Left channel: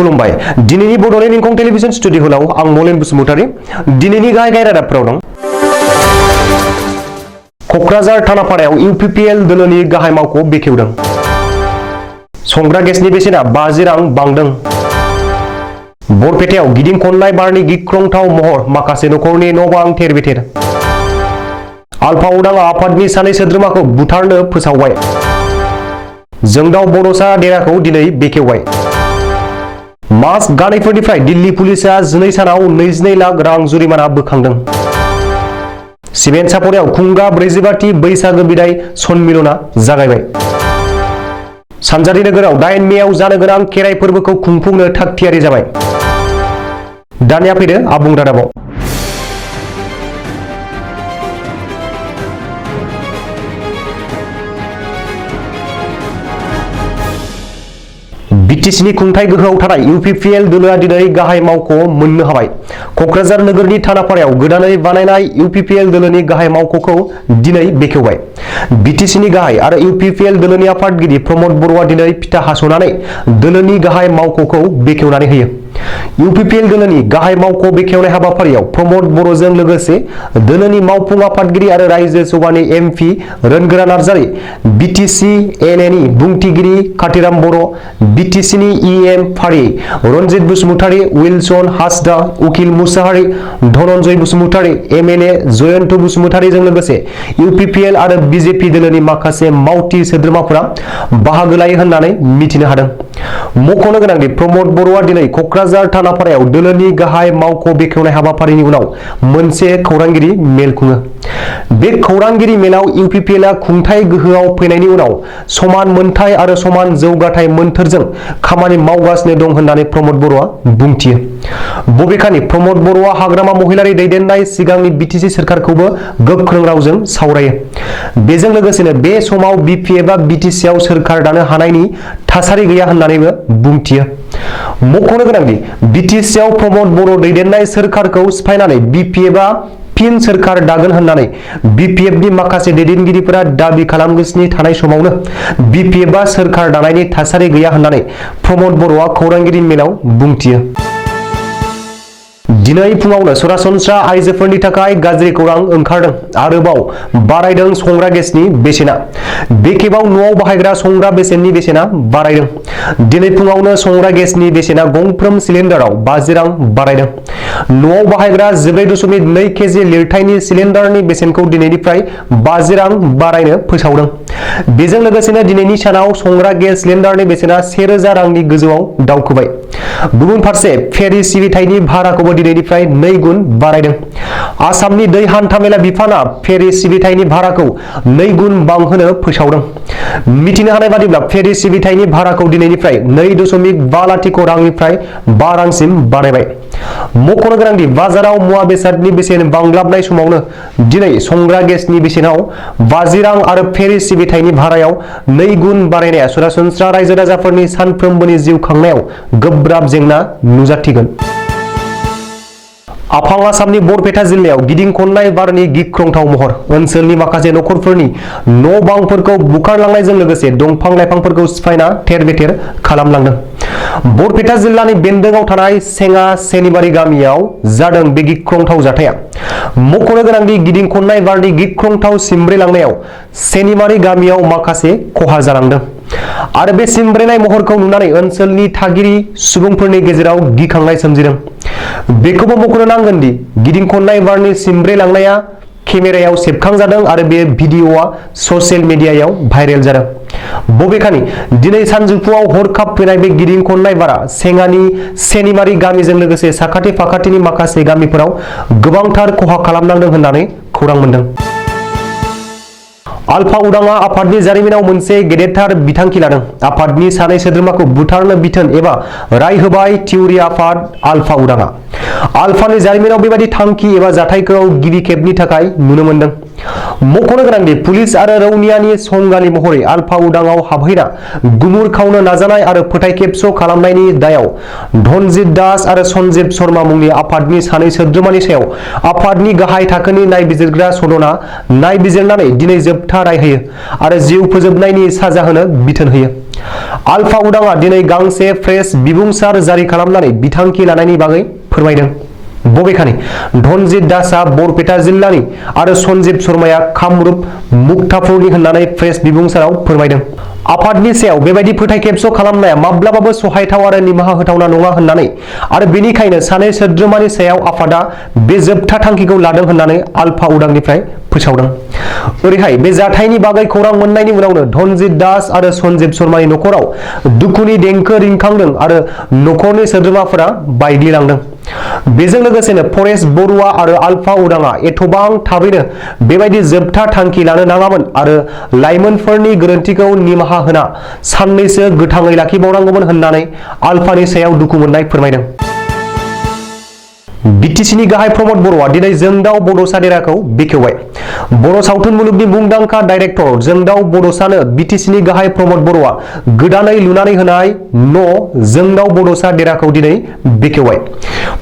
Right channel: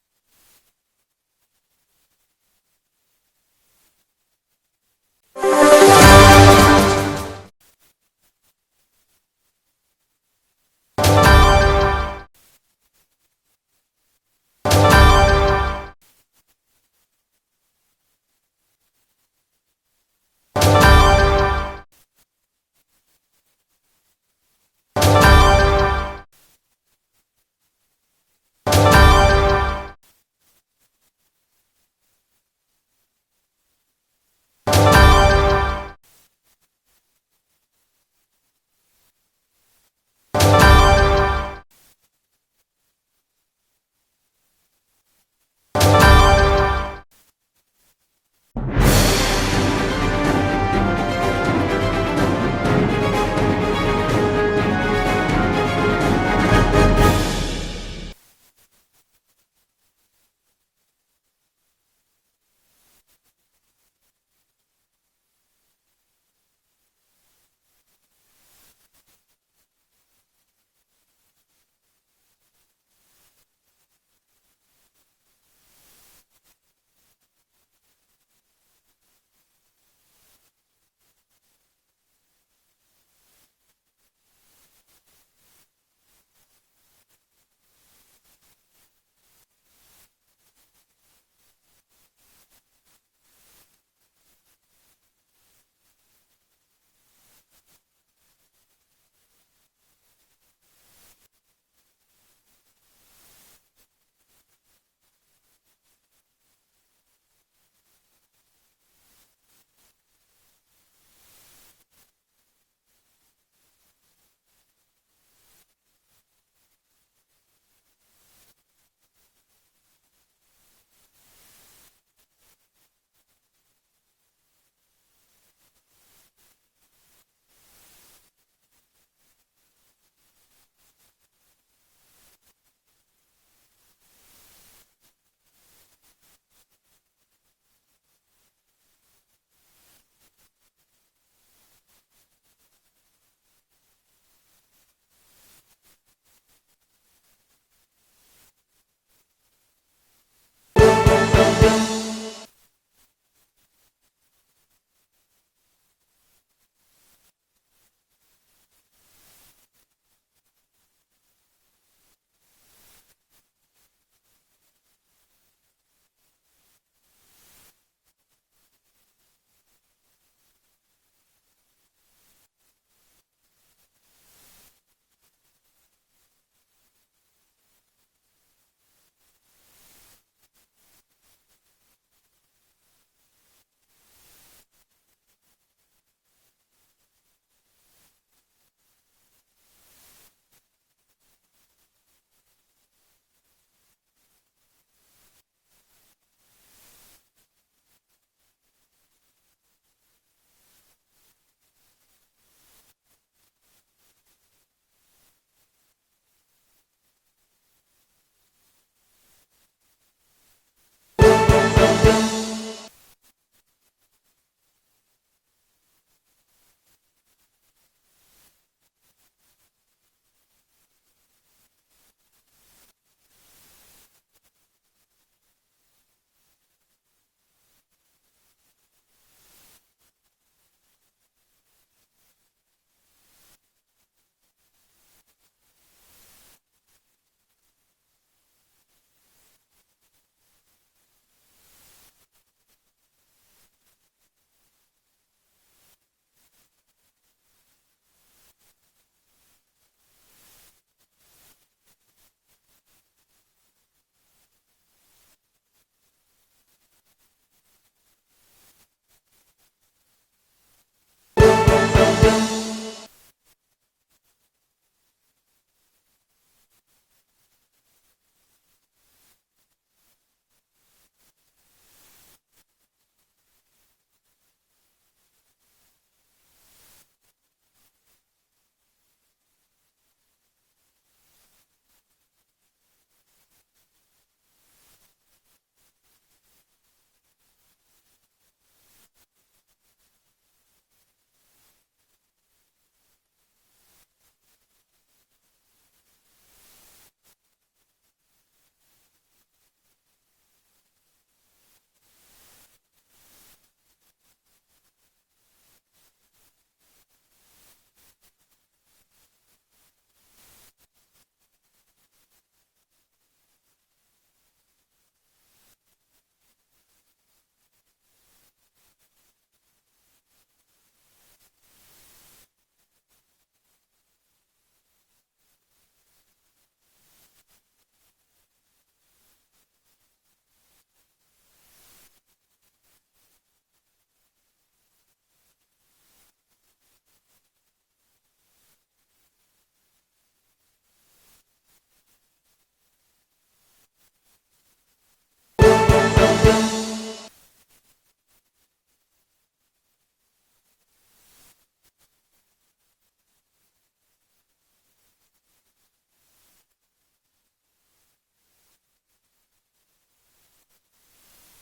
खुलुमबाय दिनैनि Bodoland इंखं television studio हलाव आं मलेन बसुमतारी दिनैनि गाहाय रादाबफोराव दं। कक्राझार थानापारायाव इउपिपिएल दोलोनि गाहाय मावख' बेखेवदों। संग्रा गेसनि बेसेना 50 रां बांदों। बरपेटायाव गिदिं खननाय बारनि गिख्रंथाव महर, माखासे नखरनि न' बां थेर-बेथेर। आलफा उदाङा आफादनि सानै सोद्रोमाखौ बुथारनो फोसावबाय। जोंदाव बड'सा देराखौ दिनै बेखेवबाय। मास्क गानैफोरनिफ्राय दिल्ली पुलिसआ 12 सानाव 22 लाख रां जुरिमाना बोखांदों। सिमेन्ट सापरियाव खुंगा 45थि बैसागो बिदाय सन्मिलना जागायबाय। सानजारि नोगोराव 8 मेआव जानो गोनां खेराइ फोरबोखौ खुंफुंनो थाग-थियारि जाबाय। दानिया फैदो आबुं रादाबाव। बिटिसिनि खुंथाय गोहोआव थानाय इउपिपिएल दोलोआ दिनै गाहाय मावख' मोननो हाबाय। कक्राझार नोगोरनि थानापारायाव गोदानै बानायनाय इउपिपिएल दोलोनि गाहाय मावख'खौ दिनै बेखेवबाय। बिटिसिनि गाहाय आरो इउपिपिएल दोलोनि आफादगिरि प्रमद बर'आ दिनै फिथा हास'नानै दोलोनि गाहाय मावख'खौ बेखेवनानै होयो। इउपिपिएल दोलोनि गाहाय मावख' बेखेवनाय हाबाफारियाव प्रमद बर'जों लोगोसे दोलोनि मावफुं आफादगिरि आरो रायजो सभानि एमपि रोनगोरा नार्जारी, बिटिसि एनएनि बुंथिगिरि कातिराम बर', बिटिसिनि इएम फारियै रनजित बसुमतारी, उइलसन हासदा, उकिल मुसाहारि, धनन्जय बसुमतारी, एमएलए जयन्त बसुमतारीजों लोगोसे इउपिपिएल आरो बिजेपि दोलोनि माखासे मावथि सोद्रोमाफोरा बाहागो लायो होननानै मिथिनो हादों। मख'नो गोनांदि प्रमद बर'आ दिनै कक्राझार थानापारायाव दोलोनि गाहाय मावख' बेखेवनाय हाबाफारिनि उनाव मोनसे खौरांगिरि मेल खुङो। बे खौरांगिरि मेलाव इउपिपिएलआ खुंथाय गोहोआव फैनायनि उनाव समान मोनथाय आरो समान जौगाथाय मोन्थोरजों खामानि मावगासिनो दं होननानै प्रमद बर'आ बुंथियो। बबेखानि प्रमद बर'आ हाग्रामा महिलारि दैदेननाय सिगांनि बिटिसि सोरखारखौबो गोख्रों रावजों सावरायो। बेजों लोगोसेनो बे समाव बिपिएफआ बिटिसिआव सोरखार दानो हानायनि थासारि गैया होननानैबो बुंथियो। मख'नो गोनांदि बिटिसिआव प्रमद बर' दैदेननाय सोरखारखौ सिफायनानै बिपिएफआ फिन सोरखार दागोन होननानै बिपिएफनि माखासे दैदेनगिरिफोरा दाबि खालामगासिनो थानाय समावनो बिपिएफआ सोरखार दानायनि थासारि गैया होननानै प्रमद बर'आ खौरांगिरि मेलाव बुंथियो। दिनै फुङावनो सरासनस्रा आइजोफोरनि थाखाय गाज्रि खौरां ओंखारदों। आरोबाव बारायदों संग्रा गेसनि बेसेना। बे खेबाव न'आव बाहायग्रा संग्रा बेसेननि बेसेना बारायदों। दिनै फुङावनो संग्रा गेसनि बेसेना गंफ्रोम सिलिन्डाराव 50 रां बारायदों। न'आव बाहायग्रा 14.2 केजि लिरथायनि सिलिन्डारनि बेसेनखौ दिनैनिफ्राय 50 रां बारायनो फोसावदों। बेजों लोगोसेनो दिनैनि सानाव संग्रा गेस सिलिन्डारनि बेसेना 1000 रांनि गोजौआव दावखोबाय। गुबुन फारसे फेरि सिबिथायनि भाराखौबो दिनैनिफ्राय 2 गुन बारायदों। आसामनि दै हान्थामेला बिफाना फेरि सिबिथायनि भाराखौ 2 गुन बांहोनो फोसावदों। मिथिनो हानाय बादिब्ला फेरि सिबिथायनि भाराखौ दिनैनिफ्राय 2.5 लाथिख' रांनिफ्राय 5 रांसिम बारायबाय। मख'नो गोनांदि बाजाराव मुवा बेसादनि बेसेन बांग्लाबनाय समावनो दिनै संग्रा गेसनि बेसेनाव 50 रां आरो फेरि सिबिथायनि भारायाव 2 गुन बारायनाया सरासनस्रा रायजो राजाफोरनि सानफ्रोमबोनि जिउ खांनायाव गोब्राब जेंना नुजाथिगोन। आफां आसामनि बरपेटा जिल्लायाव गिदिं खननाय बारनि गिख्रंथाव महर, ओनसोलनि माखासे नखरफोरनि न' बांफोरखौ बुखारलांनायजों लोगोसे दंफां लाइफांफोरखौ सिफायना थेर-बेथेर खालामलांदों। बरपेटा जिल्लानि बेन्दोंआव थानाय सेङा सेनिबारि गामियाव जादों बे गिख्रंथाव जाथाया। मख'नो गोनांदि गिदिं खननाय बारनि गिख्रंथाव सिमब्रेलांनायाव सेनिबारि गामियाव माखासे खहा जालांदों आरो बे सिमब्रेनाय महरखौ नुनानै ओनसोलनि थागिरि सुबुंफोरनि गेजेराव गिखांनाय सोमजिदों। बेखौबो मख'नो नांगोन दि गिदिं खननाय बारनि सिमब्रेलांनाया केमेरायाव सेबखांजादों आरो बे भिडिअ'आ ससियेल मिडियायाव भाइरेल जादों। बबेखानि दिनै सानजौफुआव हरखाब फैनाय बे गिदिं खननाय बारा सेङानि सेनिमारि गामिजों लोगोसे साखाथि फाखाथिनि माखासे गामिफोराव गोबांथार खहा खालामनांदों होननानै खौरां मोनदों। आलफा उदाङा आफादनि जारिमिनाव मोनसे गेदेरथार बिथांखि लादों। आफादनि सानै सोद्रोमाखौ बुथारनो बिथोन एबा राय होबाय थिउरि आफाद आलफा उदाङा। आलफानि जारिमिनाव बेबादि थांखि एबा जाथायखौ गिबि खेबनि थाखाय नुनो मोनदों। मख'नो गोनांदि पुलिस आरो रौनियानि संगालि महरै आलफा उदांआव हाबहैना गुमुर खावनो नाजानाय आरो फोथायखेबस' खालामनायनि दायाव धनजित दास आरो सन्जीब शर्मा मुंनि आफादनि सानै सोद्रोमानि सायाव आफादनि गाहाय थाखोनि नायबिजिरग्रा सदना नायबिजिरनानै दिनै जोबथा राय होयो आरो जिउ फोजोबनायनि साजा होनो बिथोन होयो। आलफा उदांआ दिनै गांसे प्रेस बिबुंसार जारि खालामनानै बिथांखि लानायनि बागै फोरमायदों। बबेखानि धनजित दासआ बरपेटा जिल्लानि आरो सन्जीब शर्माया कामरुप मुक्तापुरनि होननानै प्रेस बिबुंसाराव फोरमायदों। आफादनि सायाव बेबायदि फोथायखेबस' खालामनाया माब्लाबाबो सहायथाव आरो निमाहा होथावना नङा होननानै आरो बेनिखायनो सानै सोद्रोमानि सायाव आफादा बे जोबथा थांखिखौ लादों होननानै आलफा उदांनिफ्राय फोसावदों। ओरैहाय बे जाथायनि बागै खौरां मोननायनि उनावनो धनजित दास आरो सन्जीब शर्मानि नखराव दुखुनि देंखो रिंखांदों आरो नखरनि सोद्रोमाफोरा बायग्लिलांदों। बेजों लोगोसेनो परेश बरुवा आरो आलफा उदांआ एथबां थाबैनो बेबायदि जोबथा थांखि लानो नाङामोन आरो लाइमोनफोरनि गोरोन्थिखौ निमाहा होना साननैसो गोथाङै लाखिबावनांगौमोन होननानै आलफानि सायाव दुखु मोननाय फोरमायदों। बिटिसिनि गाहाय प्रमद बर'आ दिनै जोंदाव बड'सा देराखौ बेखेवबाय। बर' सावथुन मुलुगनि मुंदांखा डाइरेक्टर जोंदाव बड'सानो बिटिसिनि गाहाय प्रमद बर'आ गोदानै लुनानै होनाय न' जोंदाव बड'सा देराखौ दिनै बेखेवबाय।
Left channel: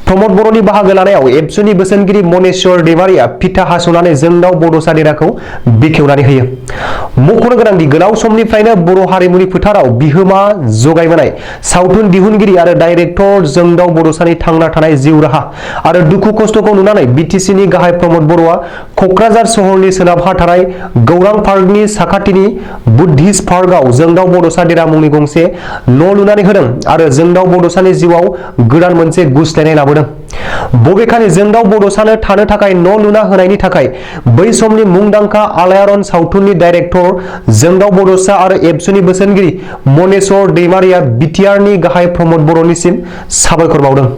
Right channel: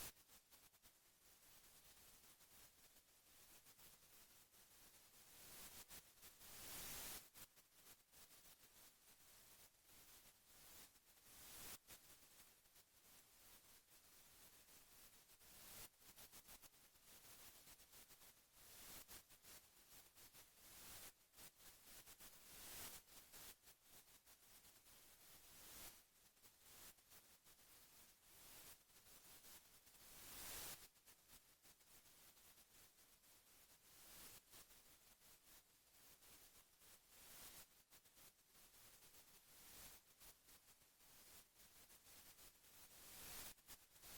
प्रमद बर'नि बाहागो लानायाव एबसुनि बोसोनगिरि मनेस्वर दैमारिया फिथा हास'नानै जोंदाव बड'सा देराखौ बेखेवनानै होयो। मख'नो गोनांदि गोलाव समनिफ्रायनो बर' हारिमुनि फोथाराव बिहोमा जगायबोनाय सावथुन दिहुनगिरि आरो डाइरेक्टर जोंदाव बड'सानि थांना थानाय जिउ राहा आरो दुखु खस्थ'खौ नुनानै बिटिसिनि गाहाय प्रमद बर'आ क'क्राझार सहरनि सोनाबहा थानाय गौरां पार्कनि साखाथिनि बुद्धिस्ट पार्कआव जोंदाव बड'सा देरा मुंनि गंसे न' लुनानै होदों आरो जोंदाव बड'सानि जिउआव गोदान मोनसे गुस्लायनाय लाबोदों। बबेखानि जोंदाव बड'सानो थानो थाखाय न' लुना होनायनि थाखाय बै समनि मुंदांखा आलायारन सावथुननि डाइरेक्टर जोंदाव बड'सा आरो एबसुनि बोसोनगिरि मनेस्वर दैमारिया बिटिआरनि गाहाय प्रमद बर'निसिम साबायखर बावदों।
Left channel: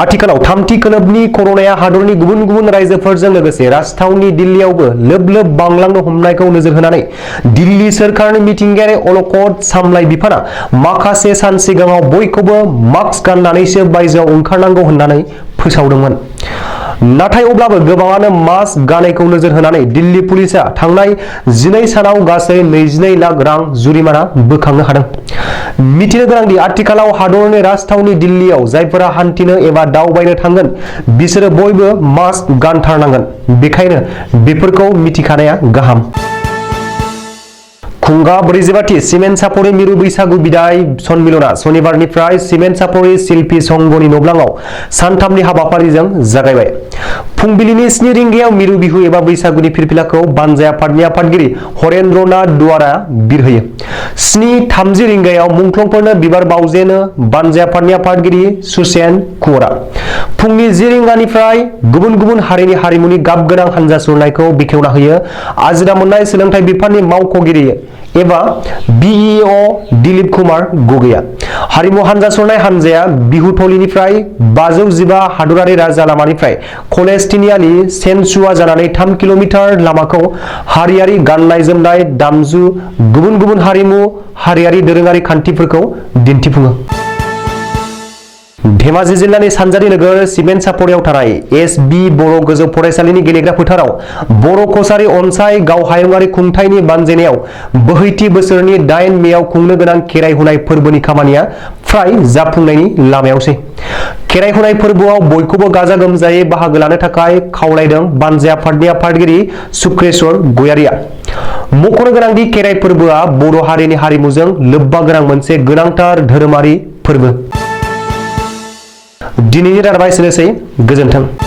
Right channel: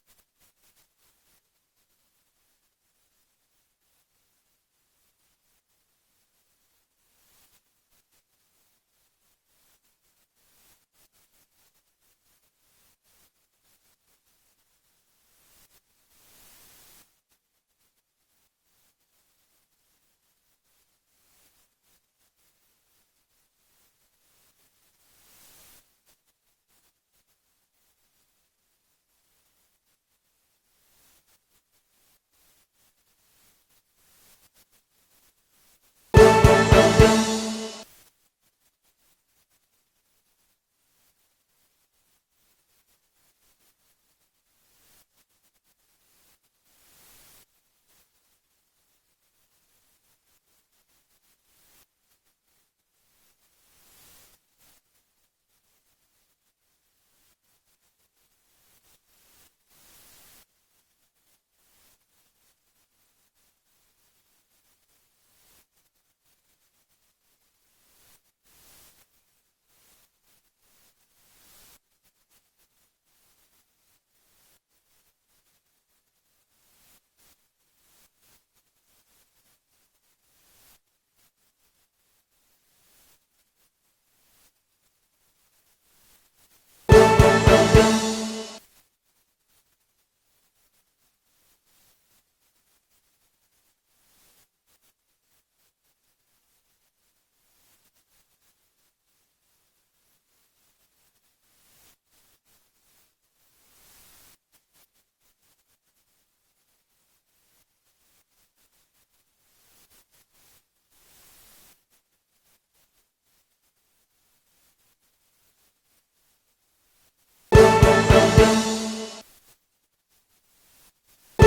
आथिखालाव थामथि खोलोबनि कर'नाया हादरनि गुबुन गुबुन रायजोफोरजों लोगोसे राजथावनि दिल्लीयावबो लोब लोब बांलांनो हमनायखौ नोजोर होनानै दिल्ली सोरखारनि मिथिंगायारि अलखद सामलाय बिफाना माखासे सान सिगाङाव बयखौबो मास्क गाननानैसो बायजोआव ओंखारनांगौ होननानै फोसावदोंमोन। नाथाय अब्लाबो गोबाङानो मास्क गानैखौ नोजोर होनानै दिल्ली पुलिसआ थांनाय 12 सानाव गासै 22 लाख रां जुरिमाना बोखांनो हादों। मिथिनो गोनांदि आथिखालाव हादरनि राजथावनि दिल्लीयाव जायफोरा हान्थिनो एबा दावबायनो थांगोन बिसोरो बयबो मास्क गानथारनांगोन। बेखायनो बेफोरखौ मिथिखानाया गाहाम। खुंगा 44थि सिमेन्ट सापरि मिरु बैसागु बिदाय सन्मिलना सनिबारनिफ्राय सिमेन्ट सापरि शिल्पी संघनि नब्लाङाव सानथामनि हाबाफारिजों जागायबाय। फुंबिलिनि 7 रिंगायाव मिरु बिहु एबा बैसागुनि फिरफिलाखौ बानजाय आफादनि आफादगिरि हरेन्द्रनाथ दुवारा बिरहोयो। 7:30 रिंगायाव मुंख्लंफोरनो बिबार बावजेनो बानजाय आफादनि आफादगिरि सुसेन कुंवरा। फुंनि 10 रिंगानिफ्राय गुबुन गुबुन हारिनि हारिमुनि गाब गोनां हानजा सुरनायखौ बेखेवना होयो आजिरा मोननाय सोलोंथाइ बिफाननि मावख'गिरि एबा बिइअ दिलीप कुमार गगैया। हारिमु हानजा सुरनाय हानजाया बिहुथलिनिफ्राय 515 हादरारि राजा लामानिफ्राय कलेज तिनिआलि सेनसुवा जानानै 3 किल'मिटार लामाखौ हारियारि गाननाय जोमनाय दामजु गुबुन गुबुन हारिमु हारियारि दोरोङारि खान्थिफोरखौ दिन्थिफुङो। धेमाजि जिल्लानि सानजारि नोगोर सिमेन्ट सापरियाव थानाय एस.बि. बर' गोजौ फरायसालिनि गेलेग्रा फोथाराव बर' कसारी अनसाय गावहायुंआरि खुंथायनि बानजायनायाव बोहैथि बोसोरनि 8 मेआव खुंनो गोनां खेराइ हुनाय फोरबोनि खामानिया फ्राय जाफुंनायनि लामायावसै। खेराइ हुनाय फोरबोआव बयखौबो गाजा गोमजायै बाहागो लानो थाखाय खावलायदों बानजाय आफादनि आफादगिरि सुक्रेश्वर गयारिया। मख'नो गोनांदि खेराइ फोरबोआ बर' हारिनि हारिमुजों लोब्बा गोनां मोनसे गोनांथार धोरोमारि फोरबो। दिनैनि रादाबा एसेनोसै। गोजोन्थों।